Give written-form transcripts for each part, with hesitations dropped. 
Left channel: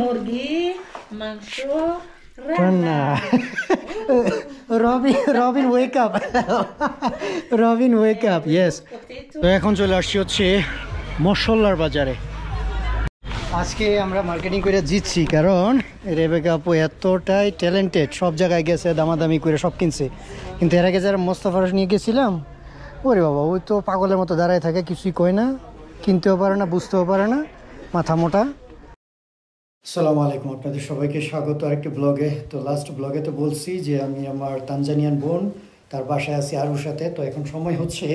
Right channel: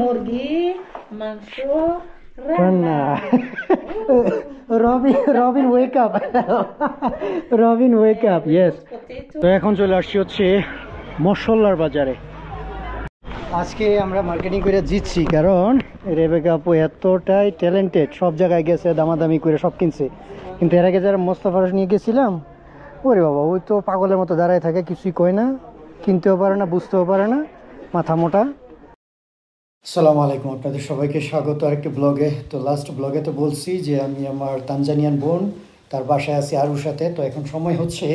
মুরগি মাংস রান্না Robin wake up Robin wake up yes. তো এখন চলে আসছি হচ্ছে মশলার বাজারে। আজকে আমরা মার্কেটিং করে জিতছি, কারণ রেবেকা আপু এতটাই ট্যালেন্টেড, সব জায়গায় গেছে, দামাদামি করে সব কিনছে। কিন্তু এর আগে যারা মোস্তফা নিয়ে গেছিলাম, ওরে বাবা ওই তো পাগলের মতো দাঁড়ায় থাকে, কিছুই কয় না, কিনতেও পারে না, বুঝতেও পারে না, মাথা মোটা। আসসালামু আলাইকুম, আপনাদের সবাইকে স্বাগত আরেকটি ব্লগে। তো লাস্ট ব্লগে তো বলছি যে আমি আমার তানজানিয়ান বোন তার বাসায় আছি আরুসাতে। তো এখন সময় হচ্ছে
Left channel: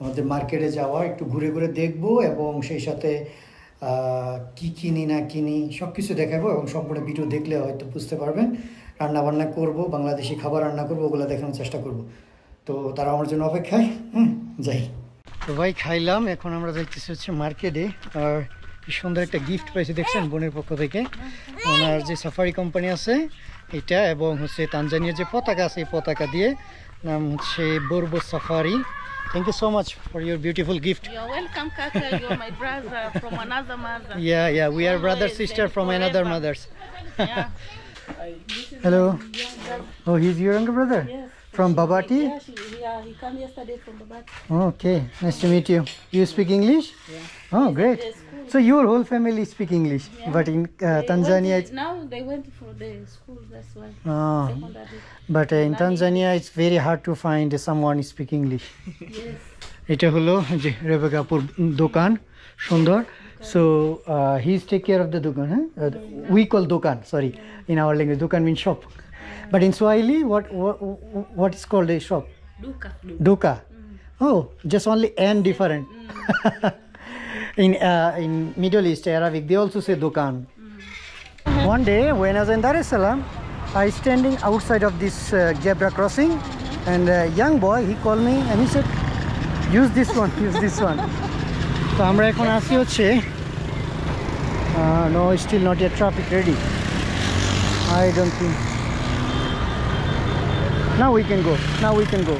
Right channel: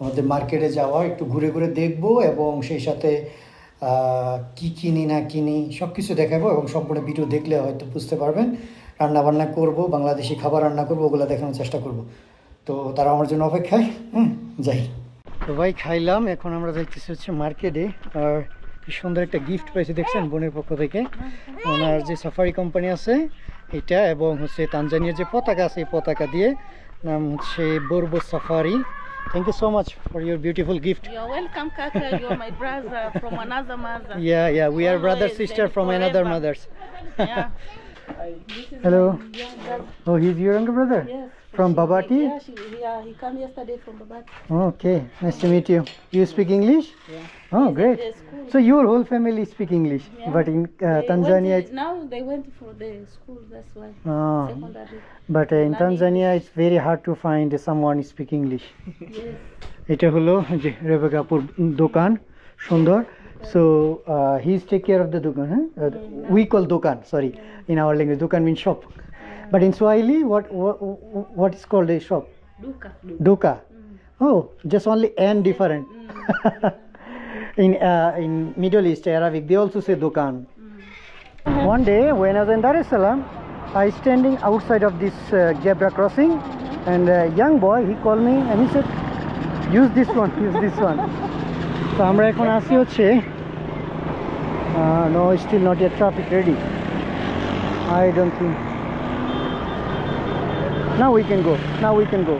আমাদের মার্কেটে যাওয়া, একটু ঘুরে ঘুরে দেখবো এবং সেই সাথে কি কিনি না কিনি সব কিছু দেখাবো, এবং সম্পূর্ণ ভিডিও দেখলে হয়তো বুঝতে পারবেন। রান্না বান্না করবো, বাংলাদেশি খাবার রান্না করবো, ওগুলো দেখানোর চেষ্টা করব। তো তারা আমার জন্য অপেক্ষায়, যাই। তো ভাই খাইলাম, এখন আমরা যাইতেছি হচ্ছে মার্কেটে। আর কি সুন্দর একটা গিফট পাইছি দেখছেন বোনের পক্ষ থেকে, ওনার যে সাফারি কোম্পানি আছে এটা, এবং হচ্ছে তানজানিয়ার যে পতাকা আছে এই পতাকা দিয়ে, নাম হচ্ছে বর্বো safari. Thank you so much for your beautiful gift. You're welcome, Kaka. You're my brother from another mother. Yeah, we are brother sister from another mothers. Hello. Oh, he's your younger brother? Yes. From Babati? He came yesterday from Babati. Okay, nice to meet you. You speak English? Yeah. Oh, great. So your whole family speak English, but in Tanzania now they went for the school, that's why. Secondary. But in Tanzania it's very hard to find someone speak English. Yes. এটা হলো যে রেবেকা আপুর দোকান, সুন্দর। So he's take care of the dukan, we call dukan, sorry, in our language dukan means shop, but in Swahili what is called a shop? Duka. Oh, just only n different. In Middle East Arabic they also say dukan. One day when I was in Dar es Salaam, I standing outside of this zebra crossing, and a young boy, he called me and he said, use this one. So আমরা এখন আসি হচ্ছে no, still not yet traffic ready. I don't think. Now we can go.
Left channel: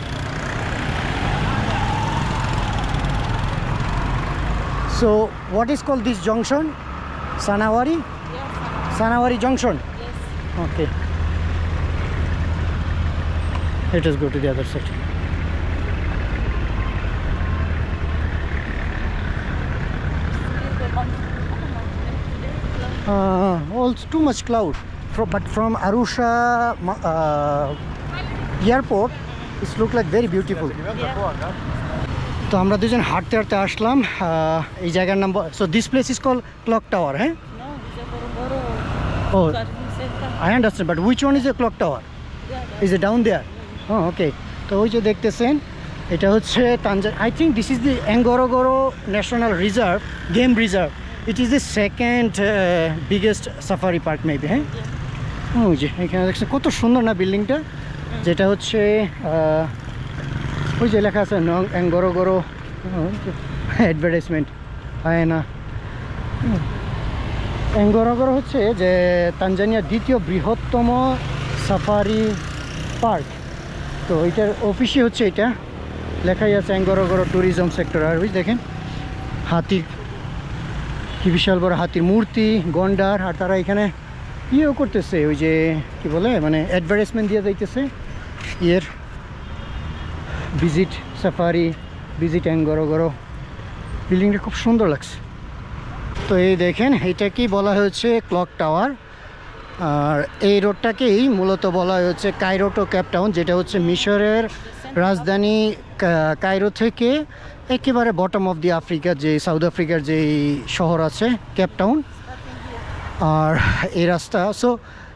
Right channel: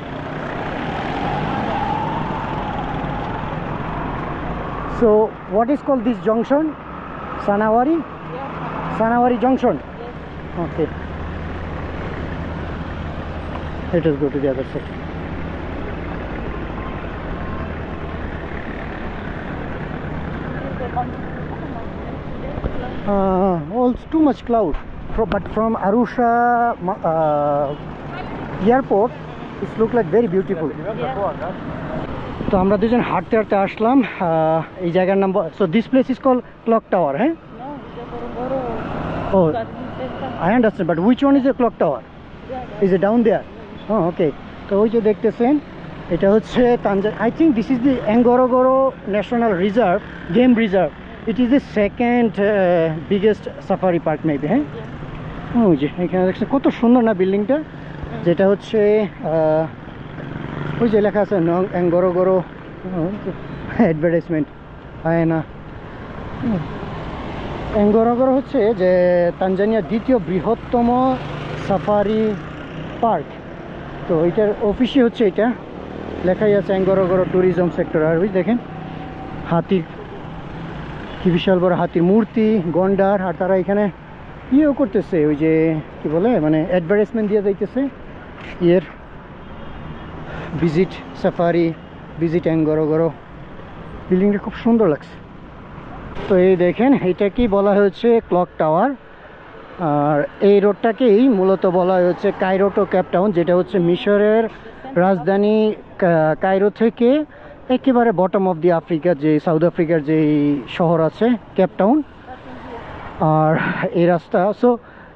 So what is called this junction? Sanawari? Yes. Sanawari junction? Yes. Okay. Let us go to the other side. Also too much cloud, but from Arusha airport it look like very beautiful. তো আমরা দুজন হাঁটতে হাঁটতে আসলাম এই জায়গার নাম। So this place is called Clock Tower, huh? No, it's a Boroboro. Oh, I understand, but which one is a clock tower? Is it down there? Oh, okay. তো ওই যে দেখতেছেন এটা হচ্ছে I think this is the Ngorongoro National Reserve, Game Reserve. It is the second biggest safari park maybe, হ্যাঁ? ওই যে এখানে দেখছেন কত সুন্দর না বিল্ডিংটা, যেটা হচ্ছে ওই যে লেখা আছে Ngorongoro অ্যাডভার্টাইজমেন্ট হয় না। Ngorongoro হচ্ছে যে তানজানিয়ার দ্বিতীয় বৃহত্তম সাফারি পার্ক। তো এটার অফিসই হচ্ছে এটা, লেখাই আছে Ngorongoro ট্যুরিজম সেক্টর। আর ওই দেখেন হাতি, কি বিশাল বড় হাতির মূর্তি, গন্ডার। আর তারা এখানে ইয়েও করতেছে, ওই যে কি বলে মানে অ্যাডভার্টাইজমেন্ট দিয়ে যাইতেছে ইয়ের ভিজিট সাফারি, ভিজিট Ngorongoro। বিল্ডিংটা খুব সুন্দর লাগছে। তো এই দেখেন এটা কি বলা হয়েছে ক্লক টাওয়ার, আর এই রোডটাকেই মূলত বলা হচ্ছে কায়রো টু কেপ টাউন, যেটা হচ্ছে মিশরের রাজধানী কায়রো থেকে একেবারে বটম অফ দি আফ্রিকা, যে সাউথ আফ্রিকার যে শহর আছে কেপ টাউন। আর এই রাস্তা, so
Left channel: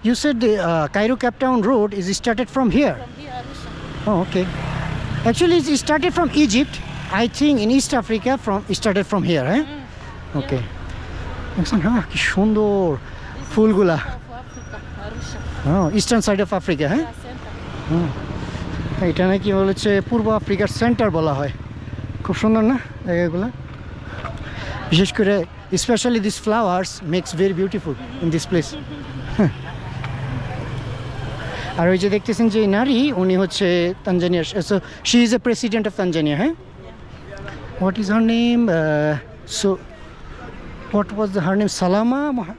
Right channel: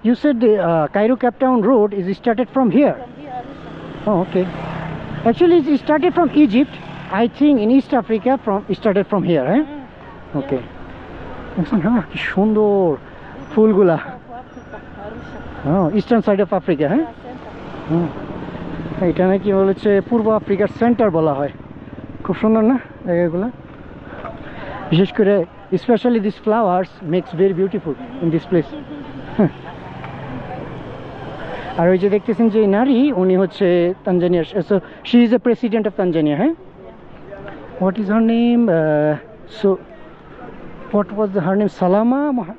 you said the Cairo Cape Town road is started from here. Oh, okay. Actually it started from Egypt, I think in East Africa, started from here, okay. দেখছেন হ্যাঁ কি সুন্দর ফুলগুলা, ইস্টার্ন সাইড অফ আফ্রিকা, হ্যাঁ। এটা নাকি বলেছে পূর্ব আফ্রিকার সেন্টার বলা হয়। খুব সুন্দর না জায়গাগুলো, বিশেষ করে specially this flowers makes very beautiful in this place. আর ওই যে দেখতেছেন যে নারী, উনি হচ্ছে তানজানিয়ার, so she is a president of Tanzania, হ্যাঁ। What is her name? So What was her name? Salama?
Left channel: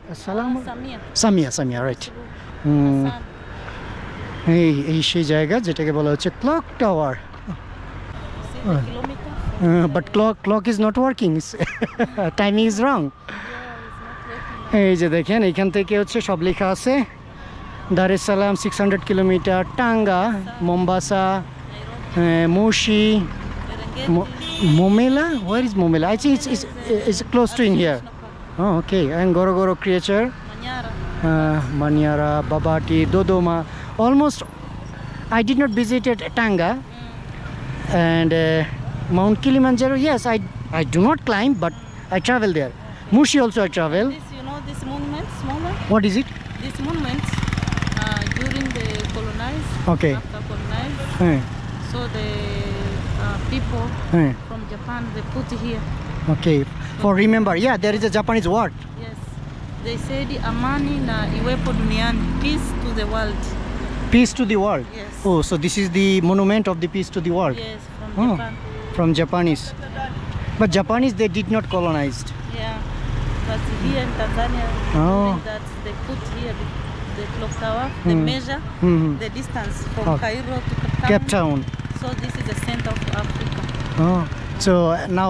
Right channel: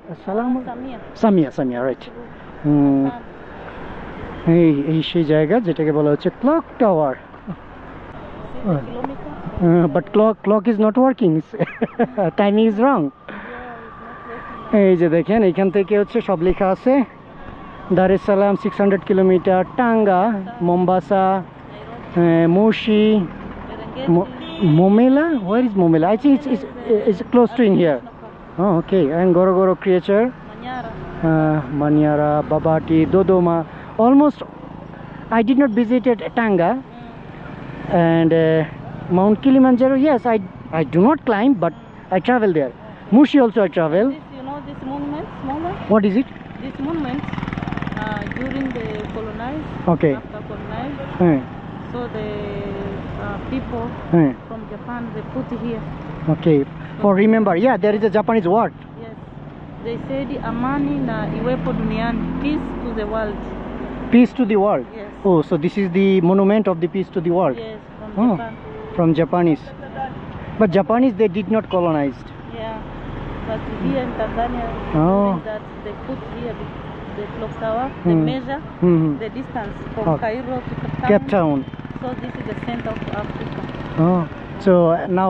Samia, right. এই সেই জায়গা যেটাকে বলা হচ্ছে clock tower. But clock is not working. Timing is wrong. এই যে দেখেন এখান থেকে হচ্ছে সব লেখা আছে দার es Salaam 600 kilometre, Tanga, Mombasa, Moshi, Momela. Where is Momela? I think it's close to in here. Oh, okay. And Gorogoro Creature, Manyara, Babati, Dodoma. Almost I did not visit Tanga and Mount Kilimanjaro. Yes, I do not climb, but I travel there. Mushi also I travel. This monument, smaller. What is it? This monument during the colonize. Okay. After colonize, Eh, so the people eh. from Japan they put here. Okay. For remember, yeah, there is a Japanese word. Yes, they said amani na iwepo duniani, peace to the world. Peace to the world. Yes. Oh, so this is the monument of the peace to the world. Yes, from Oh, Japan. from Japanese. But Japanese they did not colonized. Yeah, but here in Tanzania, Oh. during that they put here the clock tower. They measure the distance from Oh. Cairo to Cape Town. Cape Town. So this is the center of Africa. Oh, so now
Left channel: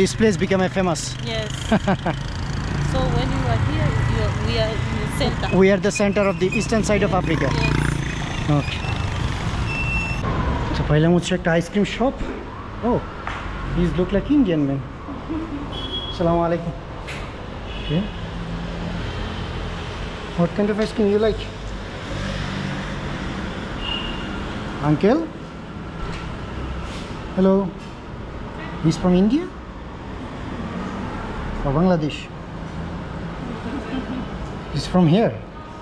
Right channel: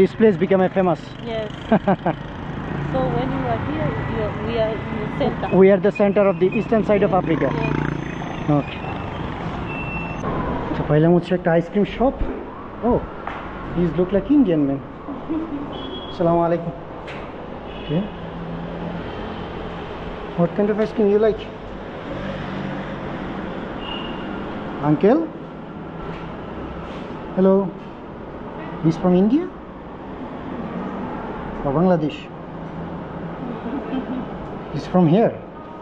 this place became a famous. Yes. So when you are here, we are in the center. We are the center of the eastern side of Africa. Yes. Okay. So paila hocche ekta ice cream shop. Oh, these look like Indian men. Assalamu alaikum. Okay. What kind of ice cream you like? Uncle? Hello. He's from India? Or Bangladesh? He's from here.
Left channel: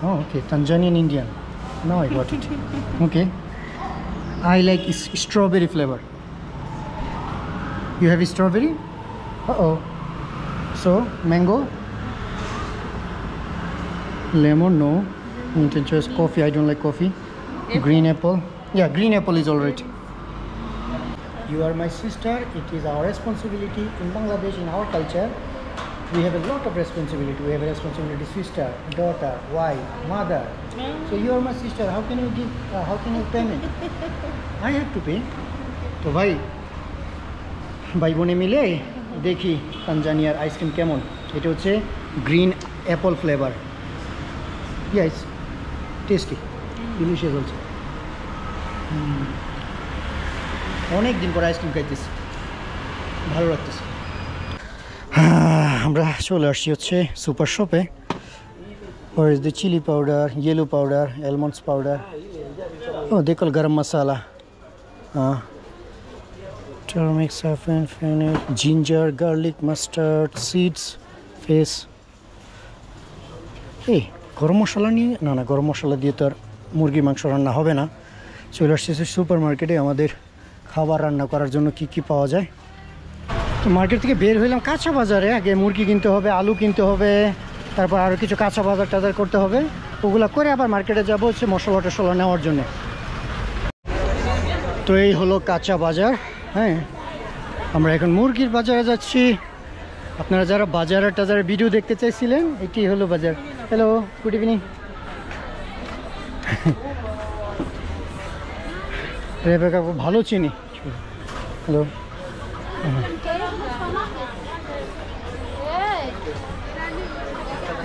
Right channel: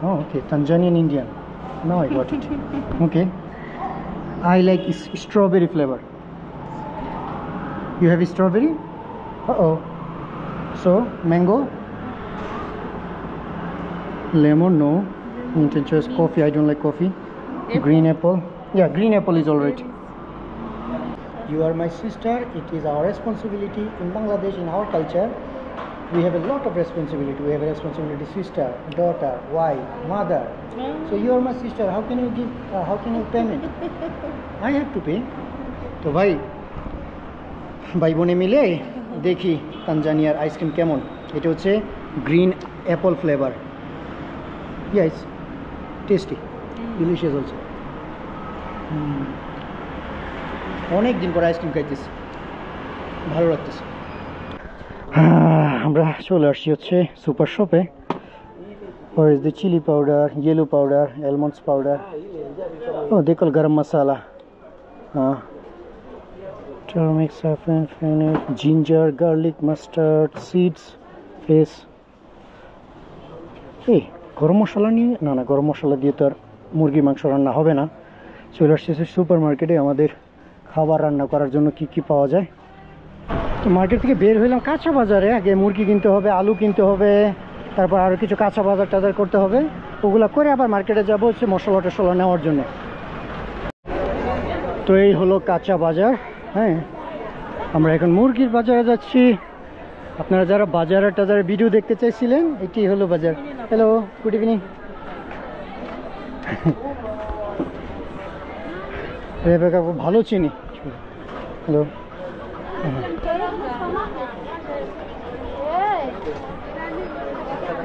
Oh, okay. Tanzanian Indian. Now I got it. Okay. I like strawberry flavor. You have strawberry? Uh-oh. So, mango? Lemon, no. Mint and choice. Coffee, I don't like coffee. Green apple. Yeah, green apple is alright. You are my sister. It is our responsibility in Bangladesh, in our culture. We have a lot of responsibility. We have a responsibility, sister, daughter, wife, mother. So you are my sister. How can you give? How can you payment? I have to pay. তো ভাই বোনে মিলে দেখি তানজানিয়ার আইসক্রিম কেমন। এটা হচ্ছে green Apple flavour. Yes, tasty, delicious হচ্ছে। অনেক দিন পর আইসক্রিম খাইতেছি, ভালো লাগতেছে। আমরা চলে আসছি হচ্ছে সুপার শপে। Or is the chili powder, yellow powder, almonds powder. Oh, they call garam masala. Turmeric, saffron, fennel, ginger, garlic, mustard, seeds, face. Hey, গরম মশলা নিয়ে না গরম মশলা দিয়ে তো আর মুরগির মাংস রান্না হবে না। চলে আসছে সুপার মার্কেটে আমাদের খাবার রান্না করার জন্য কি কি পাওয়া যায়। তো মার্কেট থেকে বের হইলাম কাঁচা বাজারে। আগে মুরগি কিনতে হবে, আলু কিনতে হবে, তারপর আরও কিছু কাঁচা বাজার টাজার করতে হবে। ওগুলো করে আবার মার্কেটে যাবো হচ্ছে মশলা টশলা নেওয়ার জন্য। তো এই হলো কাঁচা বাজার। হ্যাঁ, আমরা এখন মুরগির বাজারে যাচ্ছি। আপনারা যারা বাজারে টাজারের ভিডিও দেখতে চাইছিলেন, এটি হলো বাজার। Hello, good evening. রেবেকা ভালো চিনি। হ্যালো।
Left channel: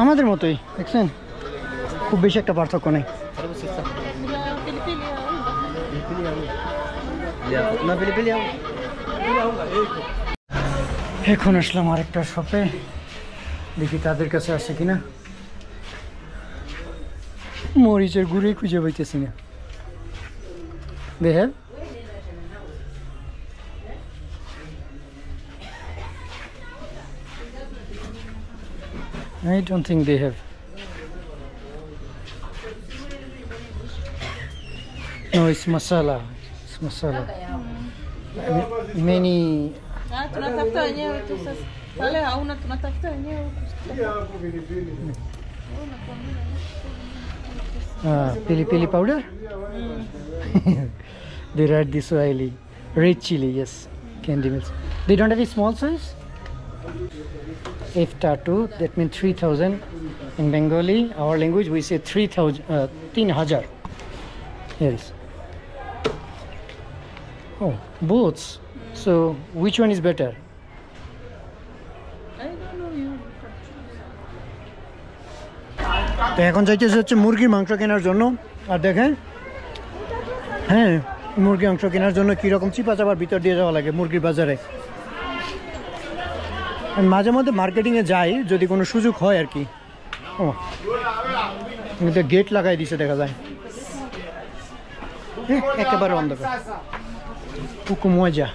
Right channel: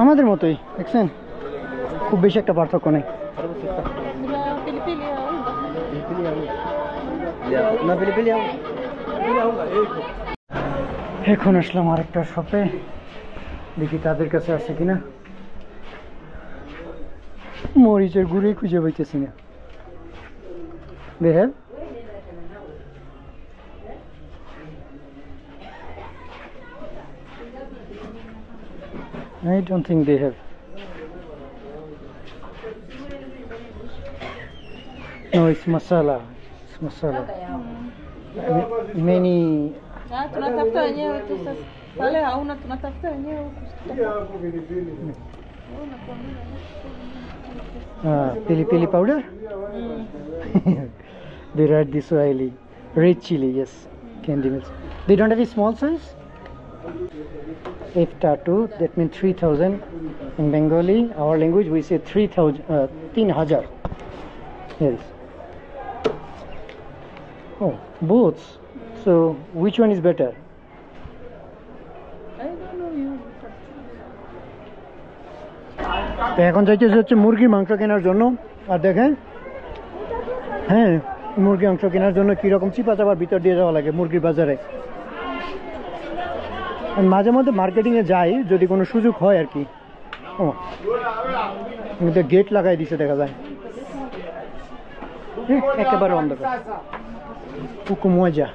আমাদের মতোই, দেখছেন, খুব বেশি একটা পার্থক্য নেই। এখন আসলাম আরেকটা শপে, দেখি তাদের কাছে আছে কিনা। মরিচের গুঁড়ি খুঁজে পাইতেছি না। They have? I don't think they have. No, it's masala. It's masala. Many. Tunatafuta wenyewe tu sasa. Wale hauna, tunatafuta wenyewe huku. Pili pili powder? They write this oily. Red chili, yes. Candy milk. They don't have a small size? F-tattoo, that means 3,000. In Bengali, our language, we say 3,000, 3,000. Here is. Oh, both. So, which one is better? I don't know you. তো এখন যাইতেছে হচ্ছে মুরগির মাংস কেনার জন্য। আর দেখেন, হ্যাঁ, মুরগির মাংস কেনার জন্য কীরকম চিপা চাপার ভিতর দিয়ে যাওয়া লাগে মুরগির বাজারে। আমি মাঝে মধ্যে মার্কেটিংয়ে যাই যদি কোনো সুযোগ হয় আর কি। ও কিন্তু গেট লাগাই দিছে দেখা যায়, একেবারে অন্ধকার। কুকু মজা,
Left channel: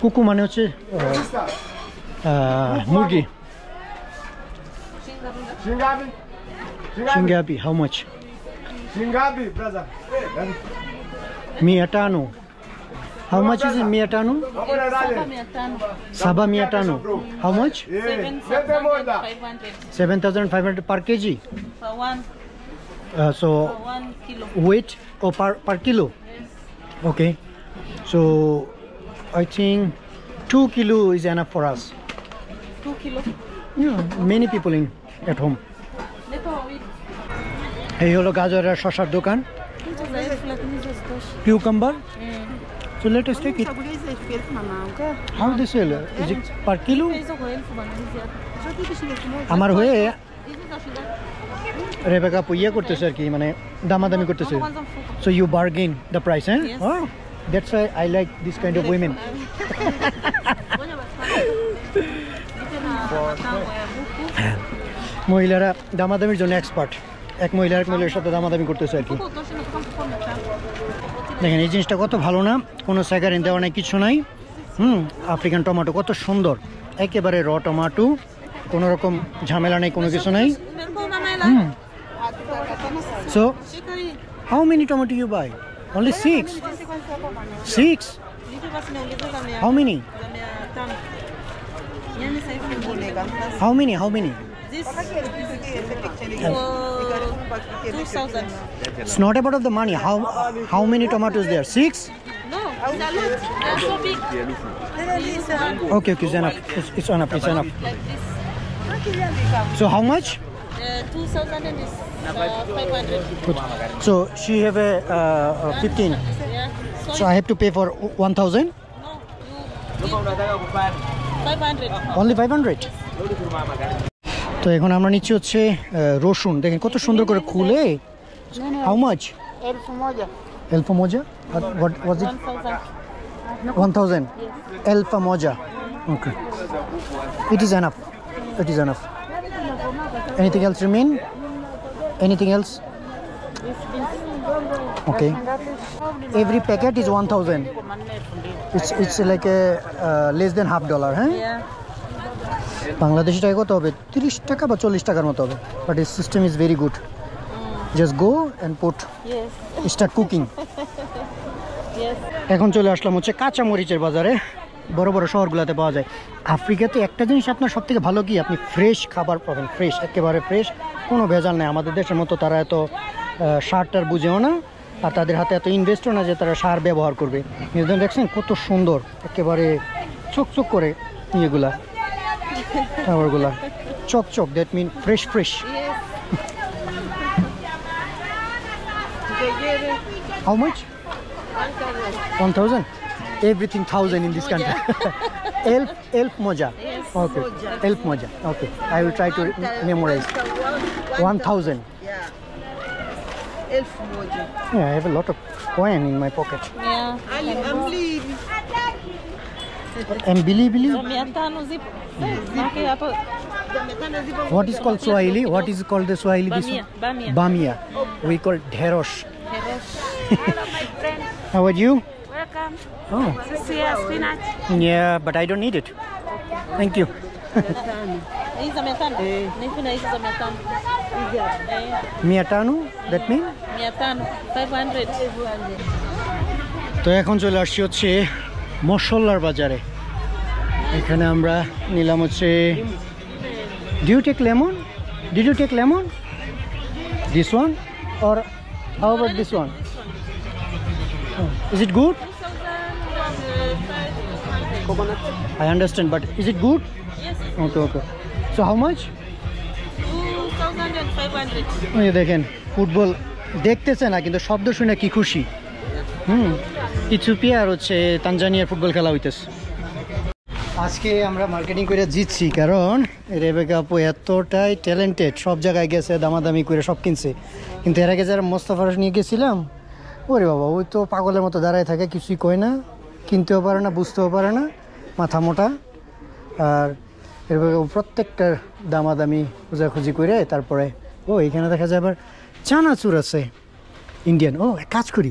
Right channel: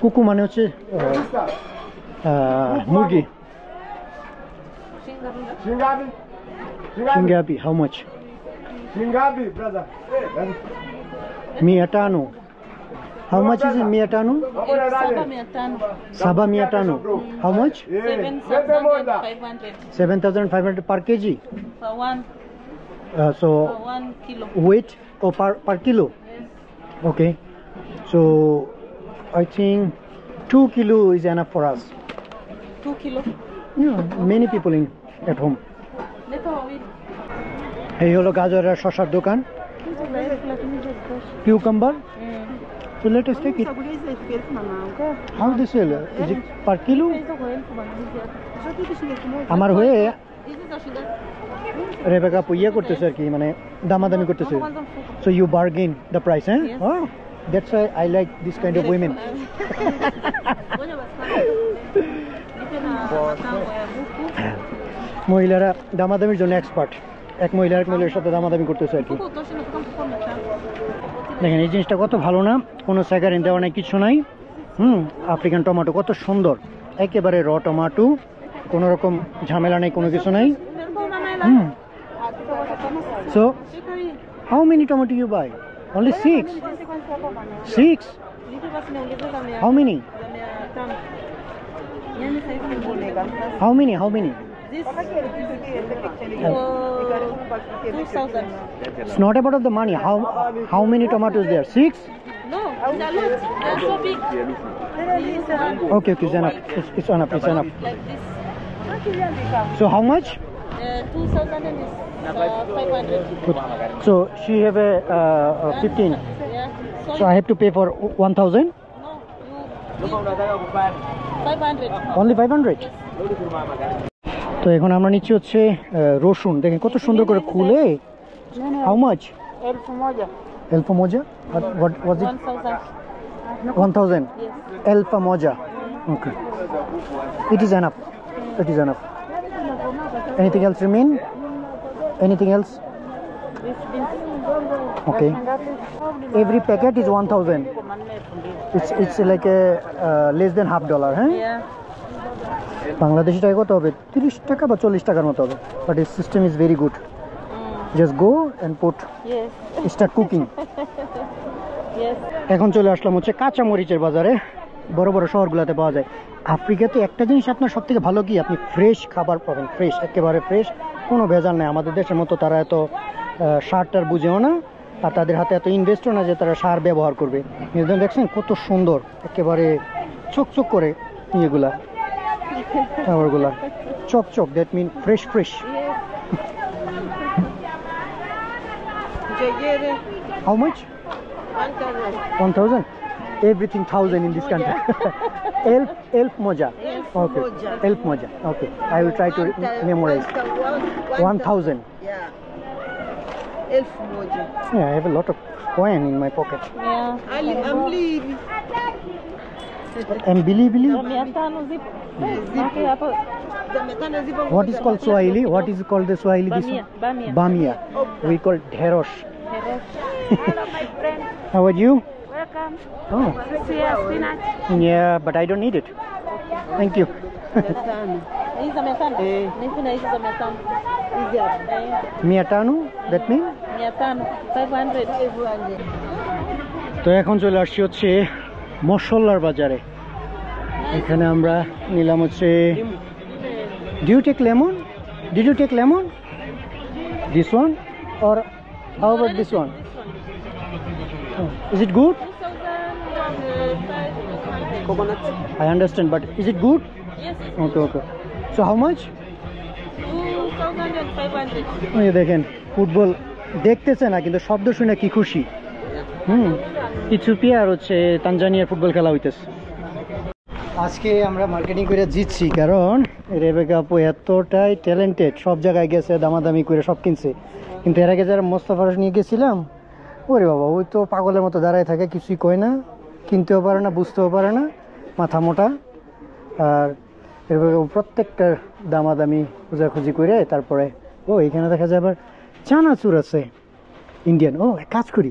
কুকু মানে হচ্ছে মুরগি। Shingabi, how much? Shingabi, brother. Miatano. How much is it, Miatano? Saba Miatano. How much? 7,500 7,500 per kg. for one So for 1 kilo. weight or per kilo? Yes. Okay. So I think 2 kilo is enough for us. 2 kilo. Yeah, many people at home. Lepo with এই হলো গাজর আর শসার দোকান। Cucumber. So let us take it. How they sell? Is it per kilo? আমার হয়ে রেবেকা পুইয়া করতেছে আর কি, মানে দামাদামি করতেছে। So you bargain the price, eh? Yes. Oh, that's why I like this kind of women. মহিলারা দামাদামির জন্য এক্সপার্ট। এক মহিলার সাথে দামাদামি করতেছে আর কি। দেখেন এই জিনিসটা কত ভালো না, কোনো স্যাগারিন দেওয়া নাই, কিছু নাই। আফ্রিকান টমেটো কত সুন্দর, একেবারে র টমেটো, কোনো রকম ঝামেলা নেই, কোনো কিছু নাই। So how many tomato you buy? Only 6? 6? How many? How many? How many? This for 2,000. It's not about of the money. How many tomatoes there? 6? No, it's a lot. They are so big. This one Okay, it's enough. It's enough. It's enough. like this. So how much? 2,000 and this 500. Good. So she have a 15. Yeah. So I have to pay for 1,000. No, you give 500. Only 500. তো এখন আমরা নিচ্ছি হচ্ছে রসুন। দেখেন কত সুন্দর করে খুলে। How much? Elfa moja? What was it? 1,000. 1,000. Elfa moja. Okay. It is enough. It is enough. Anything else remain? Anything else? Okay. Every packet is 1,000. It's like a less than $50, huh? Yeah. Bangladeshi টাকা কত হবে? 30 টাকা বা 40 টাকার মতো হবে। বাট ইস system is very good. Just go and put Yes. Start cooking. Yes. এখন চলে আসলাম হচ্ছে কাঁচা মরিচের বাজারে। বড় বড় শহরগুলোতে পাওয়া যায়। আফ্রিকাতে একটা জিনিস আপনার সব থেকে ভালো কি, আপনি ফ্রেশ খাবার পাবেন, ফ্রেশ, একেবারে ফ্রেশ, কোনো ভেজাল নেই। আমাদের দেশের মতো তারা এত সারটার বুঝেও না, আর তাদের হাতে এত ইনভেস্টও না যে তারা সার ব্যবহার করবে। নিউজিল্যান্ড দেখছেন কত সুন্দর, একেবারে চকচক করে ইয়েগুলা, খাবারগুলা চকচক, that mean fresh fresh. How much? 1,000. Everything 1,000 in this country. Elf moja. Okay. Elf moja. Okay. I will try to memorize. 1,000. Yeah. Elf moja. Yeah, I have a lot of coin in my pocket. Yeah. And Billy. 500 zip. Okay, hapo. What is called Swahili? What is called the Swahili? This Bamia. one? Bamia. Bamia. We call dherosh. Herosh. How are you? Welcome. Oh. Spinach. Yeah, but I don't need it. Thank you. Hizi za 500. Nifuna hizi za 500. Miatanu, that mean? 500. 500. তো এখন চলে আসছি হচ্ছে মশলার বাজারে। এখানে আমরা নিলাম হচ্ছে, do you take lemon? Did you take lemon? This one? Or how about this one? Oh, is it good? 2,500. I understand, but is it good? Yes. Okay, okay. So how much? 2,500. এই দেখেন ফুটবল দেখতেছে না কিন্তু শব্দ শুনে কি খুশি। ইথিওপিয়া আর হচ্ছে তানজানিয়ার ফুটবল খেলা হইতেছে। আজকে আমরা মার্কেটিং করে জিতছি কারণ রেবেকা আপু এতটাই ট্যালেন্টেড, সব জায়গায় গেছে, দামাদামি করে সব কিনছে। কিন্তু এর আগে যারা মোস্তফার নিয়ে গেছিলাম, ওরে বাবা ওই তো পাগলের মতো দাঁড়ায় থাকে, কিছুই কয় না, কিনতেও পারে না, বুঝতেও পারে না, মাথা মোটা। আর রেবেকা প্রত্যেকটা দামাদামি খোঁজাখুঁজি করে তারপরে ও এখানে দেখা যায় আবার চানাচুর আছে ইন্ডিয়ান। ও এক কাজ করি,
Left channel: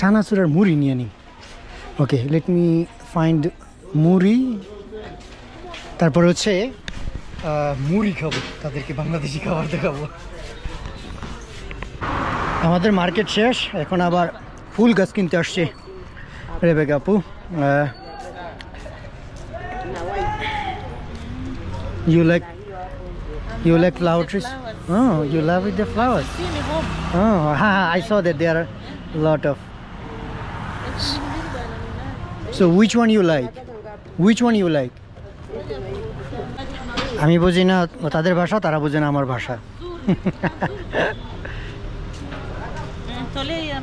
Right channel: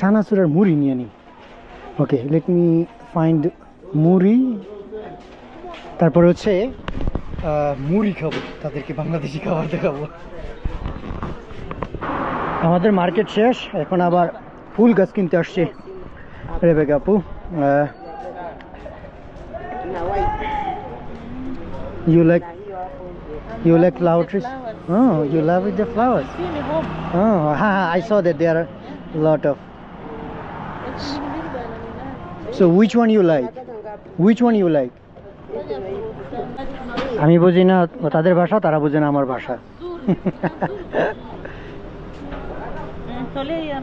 চানাচুর আর মুড়ি নিয়ে নিই। ওকে, লেট মি ফাইন্ড মুড়ি। তারপরে হচ্ছে মুড়ি খাবো, তাদেরকে বাংলাদেশি খাবার দেখাবো। আমাদের মার্কেট শেষ, এখন আবার ফুল গাছ কিনতে আসছে রেবেকা আপু। You like flower trees? Oh, you love with the flowers. See me home. Oh, I saw that there are a lot of. So which one you like? Which one you like? আমি বুঝি না তাদের ভাষা, তারা বুঝে না আমার ভাষা। Tolea.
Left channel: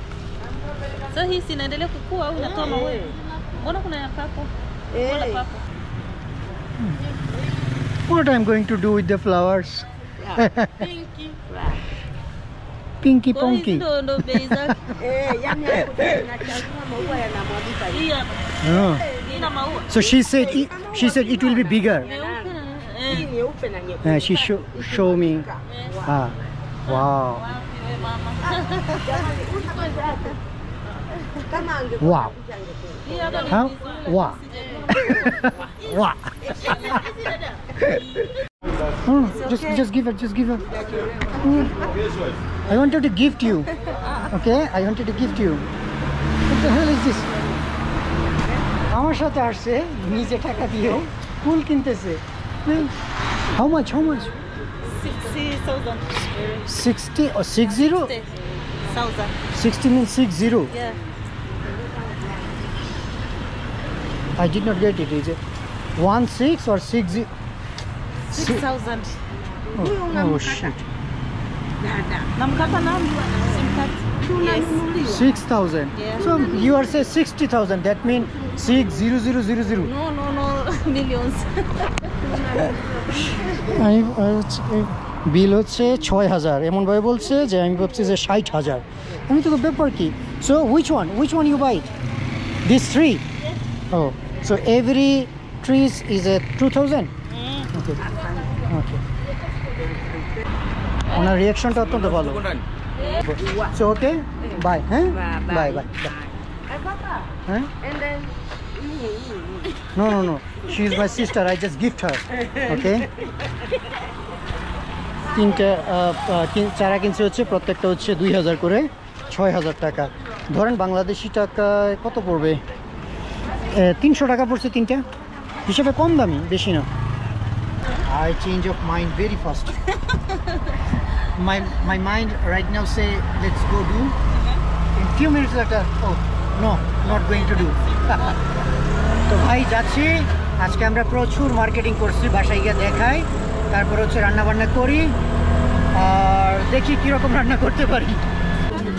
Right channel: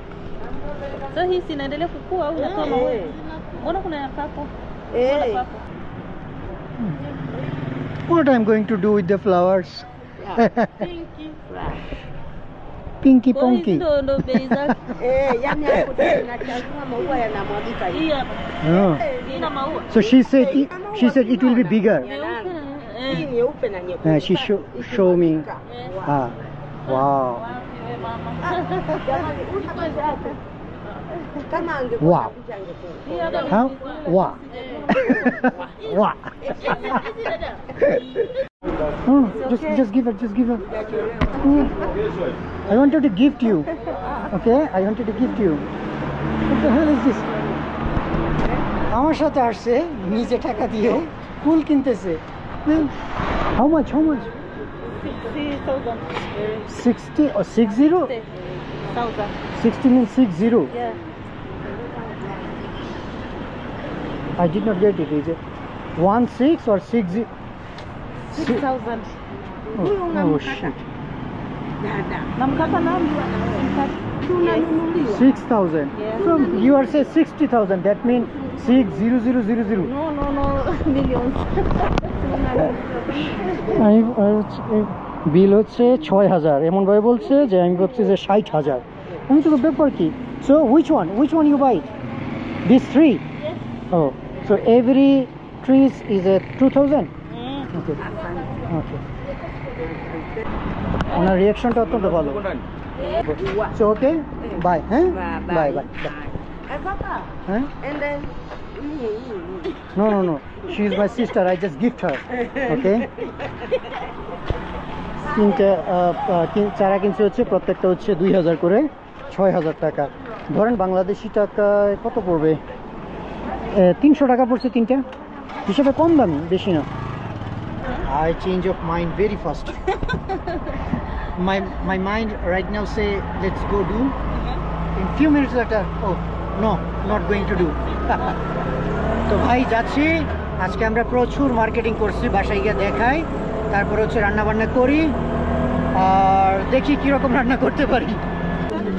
So hii sinaendelea kukua au unatoa maua? Mbona kuna ya papo? Mbona papo? What I'm going to do with the flowers? Pinky. Pinky Kwa ponky. hizi ndo bei zake. Yani hapo tunachagua maua yanamwagika hivi. Hii hapa. Oh. Ina maua. So she said it will be bigger. Meupe na Hii nyeupe na nyekundu. She show me. Ah, wow. wapi we mama? Jamani, kama angekuwa Wow. picha angekuwa. Hii hapa ni Huh? vizuri. Wow. Wow. Just give her. I wanted to gift you. Okay, I wanted to gift you. What the hell is this? আমার সাথে আসছে নিজে টাকা দিয়ে ফুল কিনতেছে। How much? 60,000. 60 or 60? 60,000. 60 means 60. Yeah. I did not get it. Is it 16 or 60? 6,000. Oh shit. Namkata nani? Simkati. Yes. 6,000. Yeah. So you are say 60,000. That means 60000. No. Millions. বিল হচ্ছে 6,000 এমন ভাবে বলছে যে আমি ভাবছি যে 60,000। আমি তো ব্যাপার কি? So which one you buy? These three? Oh, so every trees is a 2,000? Okay. ওনার রিয়াকশনটা অত্যন্ত ভালো। So okay, bye. হ্যাঁ bye. Papa. হ্যাঁ And then No. She is my sister. I just gift her. Okay. তিনটা চারা কিনছে হচ্ছে, প্রত্যেকটা হচ্ছে 2,000 করে, 6,000 টাকা। ধরেন বাংলাদেশি টাকায় কত পড়বে? 300 টাকা পড়ছে তিনটা, হিসেবে কম দামি, বেশি না। I change of mind very fast. my mind right now say let's go do. In few minutes later, oh no, not going to do. তো ভাই যাচ্ছি, আজকে আমরা প্রচুর মার্কেটিং করছি, বাসায় গিয়ে দেখাই, তারপর হচ্ছে রান্না বান্না করি আর দেখি কীরকম রান্না করতে পারি।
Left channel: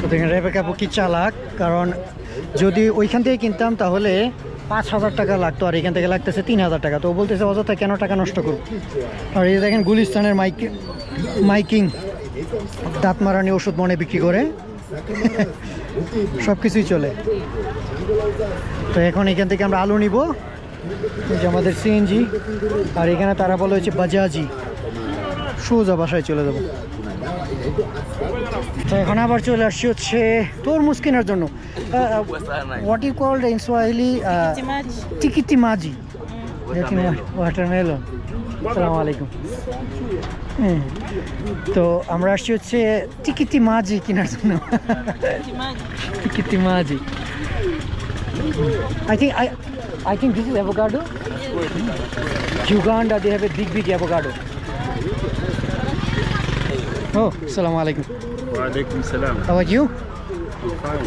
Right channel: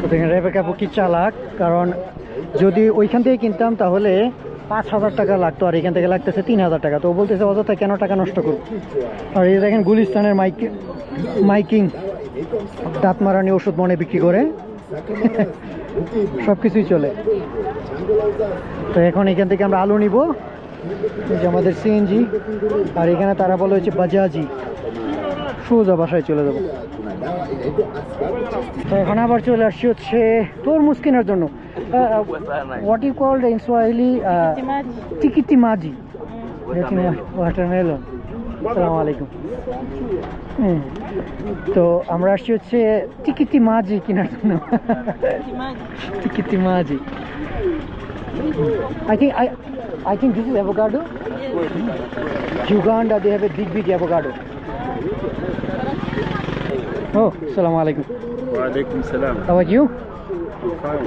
তো দেখেন রেবেকা আপু কি চালাক, কারণ যদি ওইখান থেকে কিনতাম তাহলে 5,000 টাকা লাগতো, আর এখান থেকে লাগতেছে 3,000 টাকা। তো ও বলতেছে অযথা কেন টাকা নষ্ট করব। আর এই দেখেন গুলিস্তানের মাইকিং দাঁত মারানি ওষুধ মনে বিক্রি করে, সব কিছুই চলে। তো এখন এখান থেকে আমরা আলু নিব, এই যে আমাদের সিএনজি, আর এখানে তারা বলে হচ্ছে বাজাজি, সোজা বাসায় চলে যাবো। তো এখন আবার চলে আসছি হচ্ছে তরমুজ কেনার জন্য। What you called in Swahili? টিকিটি মাজি, ওয়াটারমেলন। আসসালামু আলাইকুম। তো আমরা আসছি হচ্ছে টিকিটি মাজি কেনার জন্য। টিকিটি মাজি। I think this is avocado. Uganda, they have a big avocado. Oh, assalamu alaikum. Wa alaikum salam. How are you? Fine.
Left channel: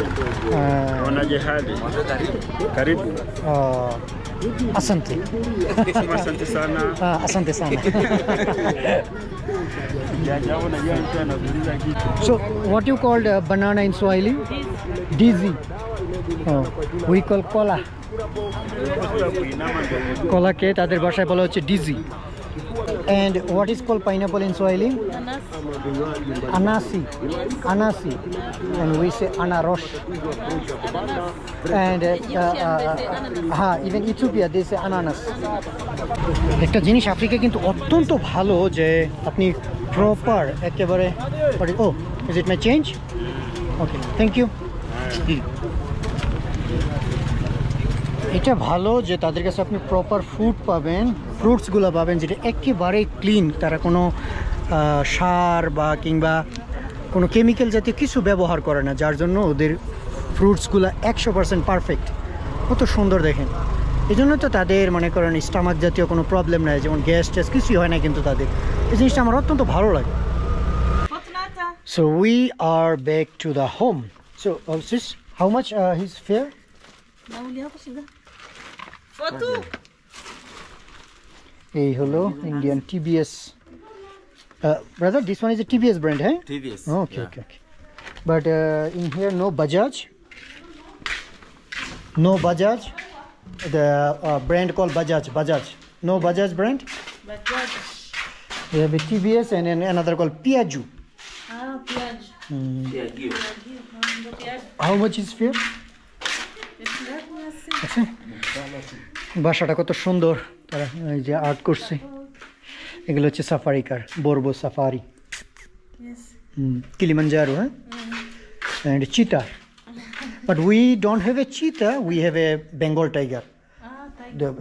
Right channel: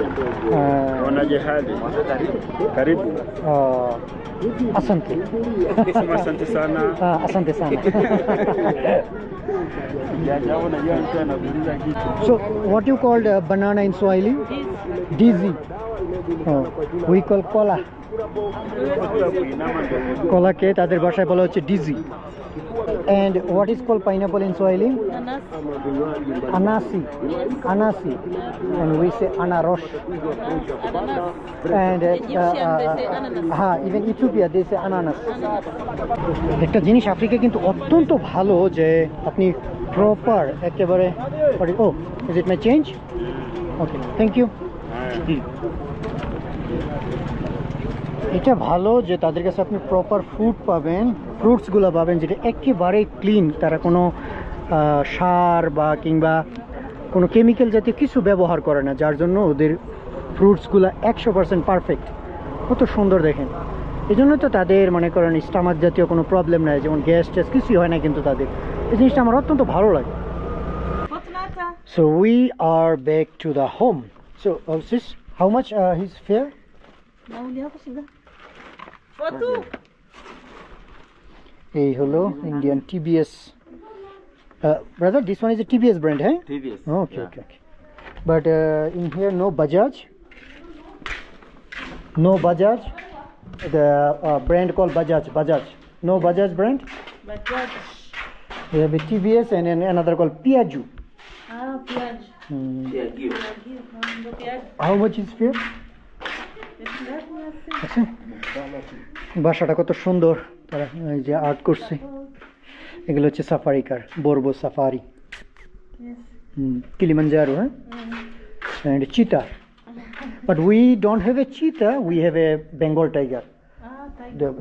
Wanaje hali? Karibu. Asante. Asante sana. Asante sana. So, what you called banana in Swahili? Dizzy. Oh, we call kola. Kola ke tader bhashaয় বলা হচ্ছে dizzy. And what is called pineapple in Swahili? Anasi. Anasi. And we say anaros. And even Ethiopia they say ananas. একটা জিনিস আফ্রিকা কিন্তু অত্যন্ত ভালো যে আপনি প্রপার একেবারে oh is it my change okay thank you এটা ভালো যে তাদের কাছে আপনি প্রপার ফুড পাবেন ফ্রুটসগুলো পাবেন যেটা একেবারে ক্লিন তারা কোনো সার বা কিংবা কোনো কেমিক্যাল জাতীয় কিছু ব্যবহার করে না যার জন্য ওদের ফ্রুটসগুলো 100% পারফেক্ট কত সুন্দর দেখেন এই জন্য তো তাদের মনে করেন স্টামাক জাতীয় কোনো প্রবলেম নাই যেমন গ্যাস ট্যাস কিছুই হয় না কিন্তু তাদের এই জিনিসটা আমার অত্যন্ত ভালো লাগে so we are back to the home so sis how much his fare এই হলো Indian TBS brother this one is a TVS brand hey TVS okay yeah. okay but in here no Bajaj the brand called Bajaj no Bajaj brand Bajaj we have a TVS and another called Piaggio Piaggio how much is fare আচ্ছা বাসাটা কত সুন্দর তারা এই যে আর্ট করছে এগুলো হচ্ছে সাফারি কার বর্বো safari Kilimanjaro and cheetah but we don't have a cheetah we have a Bengal tiger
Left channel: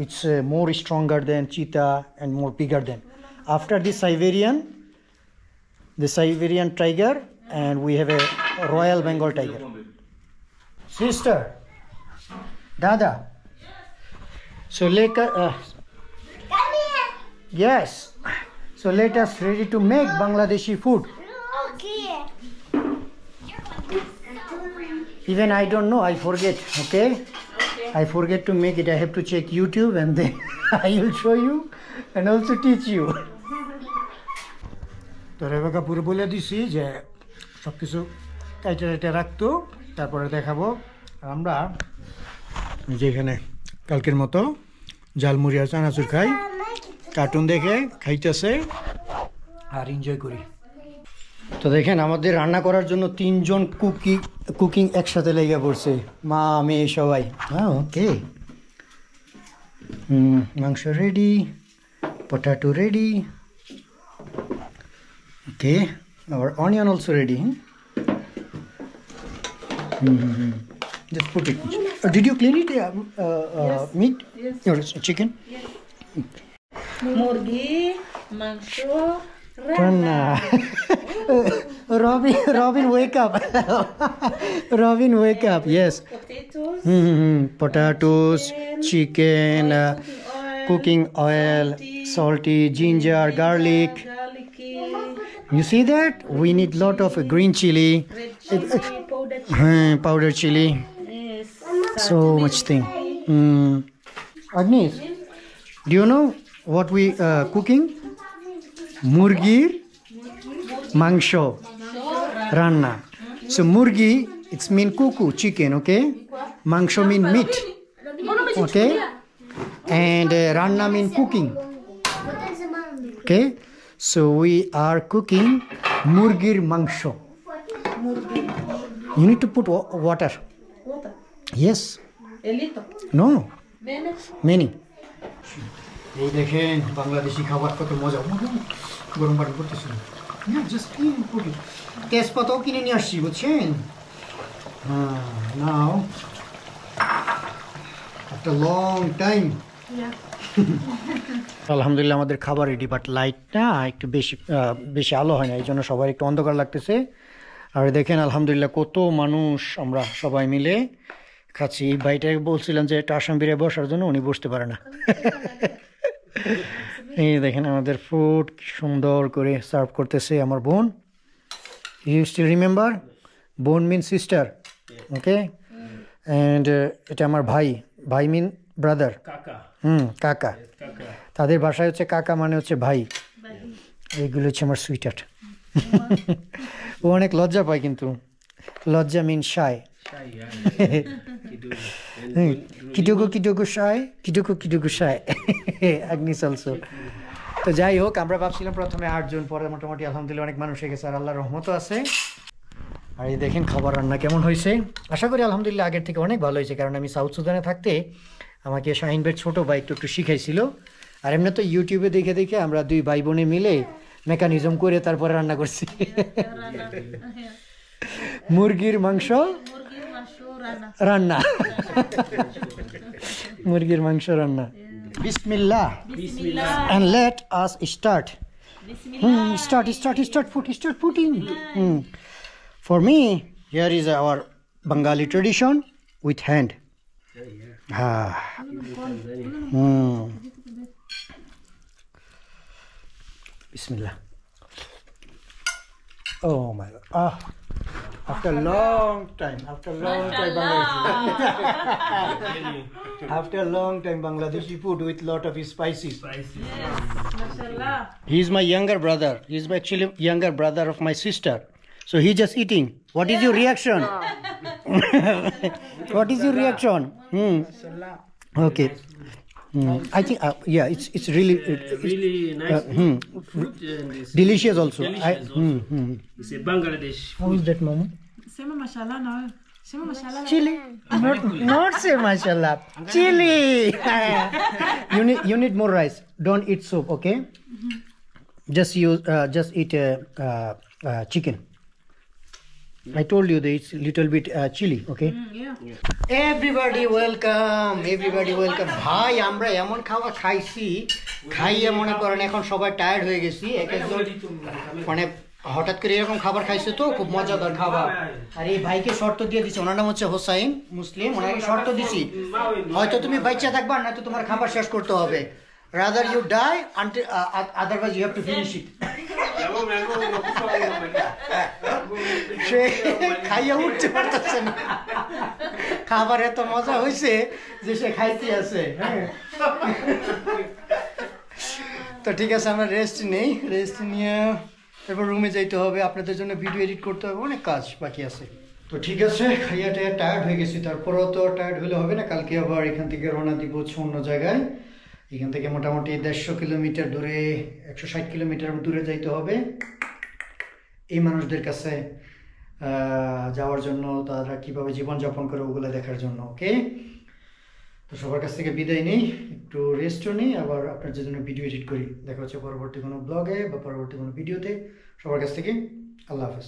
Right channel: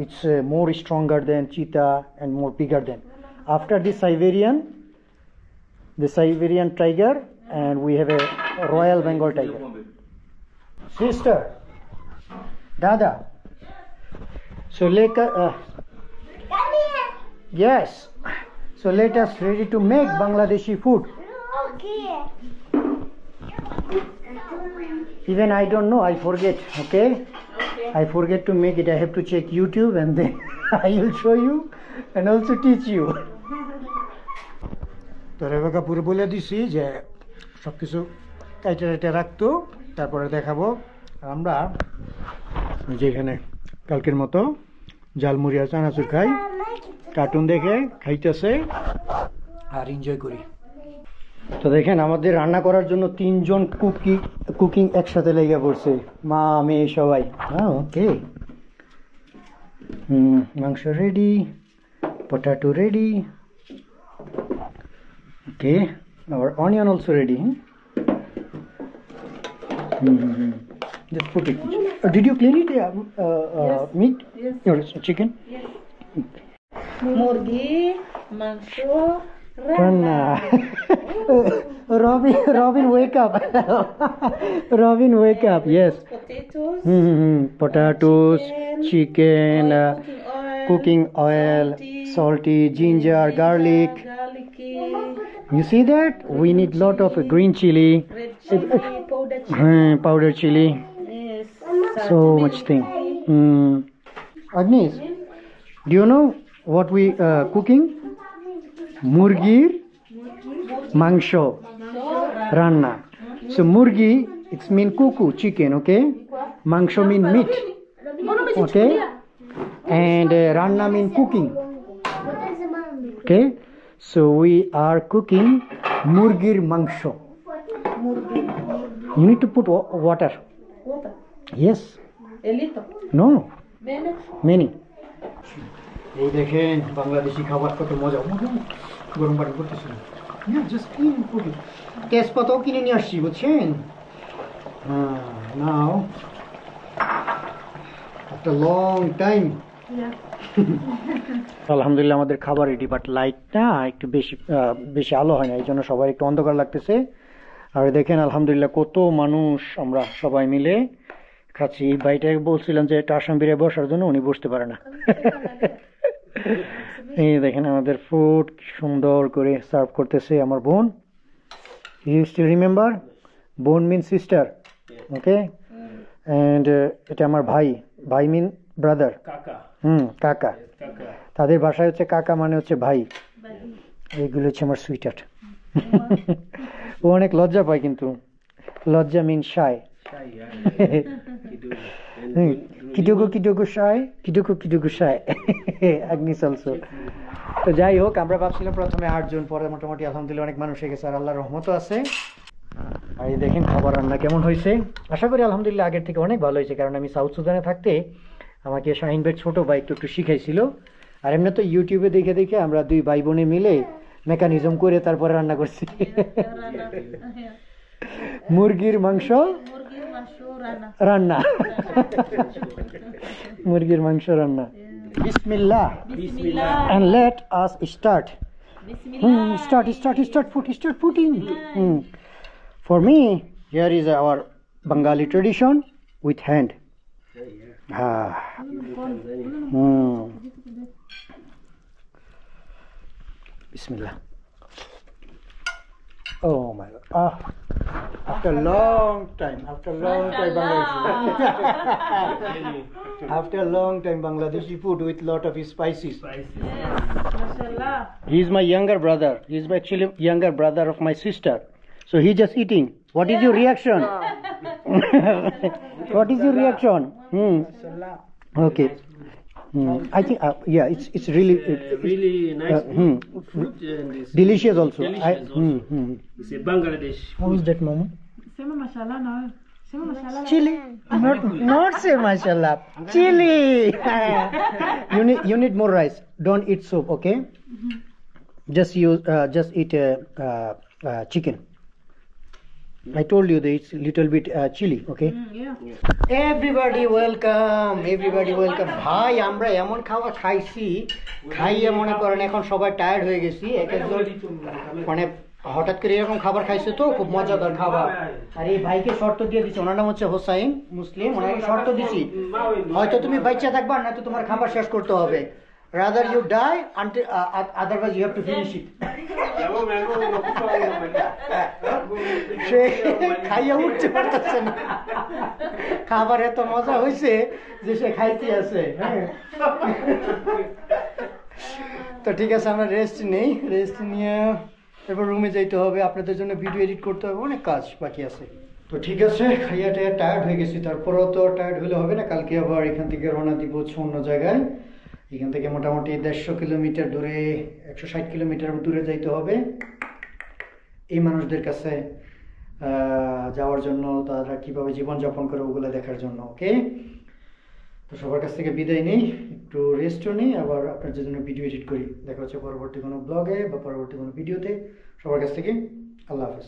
it's more stronger than cheetah and more bigger than after the Siberian tiger and we have a Royal Bengal tiger sister Dada so later yes so let us ready to make Bangladeshi food Okay. even I don't know I forget okay I forget to make it I have to check YouTube and then I will show you and also teach you তো রেবেকা পুরো বলে দিছি যে সব কিছু কাইটে রাখতো তারপরে দেখাবো আর আমরা যেখানে কালকের মতো জালমুড়ি আর চানাচুর খাই কার্টুন দেখে খাইতেছে আর এনজয় করি তো দেখেন আমাদের রান্না করার জন্য 3 জন কুকিং একসাথে লেগে পড়ছে মা মেয়ে সবাই হ্যাঁ ওকে মাংস ready potato ready okay our onion also ready just put it did you clean it yes. meat yes. or chicken yes. Murgi mangsho Ranna. Robin wake up Robin wake up yes potatoes potatoes chicken cooking oil salty ginger garlic you see that we need lot of green chili red chili powder chili yes so much thing Agnes do you know what we cooking murgir mangsho ranna so murgi it's mean kuku chicken okay mangsho mean meat okay and ranna mean cooking okay so we are cooking murgir mangsho you need to put water yes elito no menos many এই দেখেন বাংলাদেশি খাবার কত মজা গরম পানি করতেছি না just clean Puri তেজপাতাও কিনে নিয়ে আসছি বুঝছেন হ্যাঁ নাও আফটার লং টাইম আলহামদুলিল্লাহ আমাদের খাবার রেডি বাট লাইটটা একটু বেশি আলো হয় না এই জন্য সবাই একটু অন্ধকার লাগতেছে আর দেখেন আলহামদুলিল্লাহ কত মানুষ আমরা সবাই মিলে খাচ্ছি ভাইটাকে বলছিলাম যে একটা আসাম বিরিয়ানি বসার জন্য উনি বসতে পারে না এই দেখেন আমাদের ফুড সুন্দর করে সার্ভ করতেছে আমার বোন ইউ স্টিল রিমেম্বার বোন মিন সিস্টার ওকে অ্যান্ড এটা আমার ভাই মিন ব্রাদার Kaka. কাকা Kaka. তাদের ভাষায় হচ্ছে কাকা মানে হচ্ছে ভাই এইগুলো হচ্ছে আমার সুইটার ও অনেক লজ্জা পায় কিন্তু লজ্জা মিন শাই Shy, yeah. কিটুকু শাই আগ্নিস অলসো তো যাই হোক আমরা ভাবছিলাম প্রথমে 8 জন পরে মোটামুটি আলহামদুলিল্লাহ অনেক মানুষ হয়ে গেছে আর আল্লাহর রহমতও আছে আর এই দেখেন খাবার রান্না কেমন হয়েছে আশা করি আলহামদুলিল্লাহ আগের থেকে অনেক ভালো হয়েছে কারণ আমি সাউথ সুদানে থাকতে আমাকে শাহিন ভাইয়ের ছোটো ভাই একটু শিখাইছিল আর এমনি তো ইউটিউবে দেখে দেখে আমরা 2 ভাই বোনে মিলে মেকানিজম করে তারপরে রান্না করছি মুরগির মাংস রান্না মুরগির মাংস রান্না বিসমিল্লাহ and let us start start putting for me here is our Bengali tradition with hand Bismillah. Oh my God. After a long time Bangladeshi food with lot of spices. He is my younger brother. He is actually younger brother of my sister. So he just eating. What is your reaction? What is your reaction? Okay. I think it's really Really nice food and it's delicious also. delicious also. It's a Bangladesh How is that, Mama? Sema mashallah now. Sema mashallah. Chili. Not say mashallah. Chili. You need more rice. Don't eat soup, okay? Just eat chicken. I told you that it's little bit chili, okay? Everybody welcome. ভাই আমরা এমন খাওয়া খাইছি খাইয়ে মনে করেন এখন সবাই টায়ার্ড হয়ে গেছি এক একজন মানে হঠাৎ করে এরকম খাবার খাইছে তো খুব মজাদার খাবার আর এই ভাইকে শর্ত দিয়ে দিছি ওনার নাম হচ্ছে হোসাইন মুসলিম ওনাকে শর্ত দিছি হয়তো তুমি বাচ্চা থাকবা না তো তোমার খাবার শেষ করতে হবে rather you die until otherwise you have to finish it সে খাইয়া উঠতে পারতেছে না খাবার এত মজা হয়েছে যে সে খাইতে আছে তো ঠিক আছে আমরা রেস্ট নিয়ে এরপর রুমে যাইতে হবে আপনাদের জন্য ভিডিও এডিট করতে হবে অনেক কাজ বাকি আছে তো ঠিক আছে খাইয়া টায়ার্ড হয়ে গেছি তারপরও তো টায়ার্ড হলে হবে না কালকে আবার এখান থেকে রওনা দিব অন্য জায়গায় এখান থেকে মোটামুটি 150 কিলোমিটার দূরে 160 কিলোমিটার দূরে যাইতে হবে এই মানুষদের কাছে যাওয়ার জন্য তারা কিভাবে জীবনযাপন করে ওগুলো দেখার জন্য ওকে তো সবার কাছ থেকে বিদায় নেই একটু রেস্টও নেই আবার আপনার জন্য ভিডিও এডিট করি দেখা হচ্ছে পরবর্তী কোনো ব্লগে বা পরবর্তী কোনো ভিডিওতে সবার কাছ থেকে আল্লাহ হাফেজ